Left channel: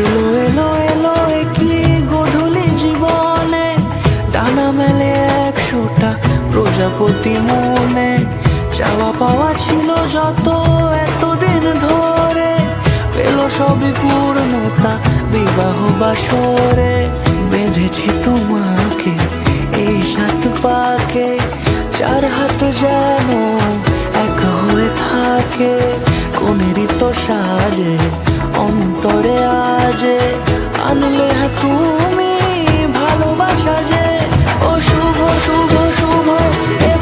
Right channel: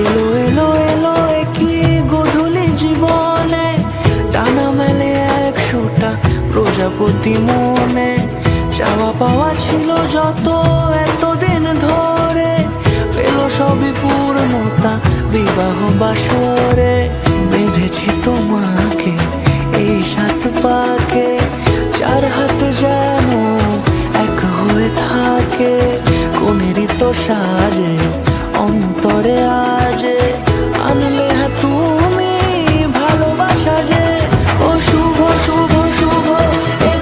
এলো এলো এলো কি গোধূলি জীবনে, ডানা মেলে 100টা প্রজাপতি মনে। চাওয়া পাওয়া ছিল যত এতদিন ধরে, পেল সবই পূর্ণতা বিবাহ বাসরে। বেঁধেছি তোমাকে এই 7 পাকে, 4 হাত যেন এক হয়ে থাকে। কোনেরই তো সাজে অন্তরে আজে, আনলে তুমি ভালোবাসা যে। ও শুভ শুভ শুভ এ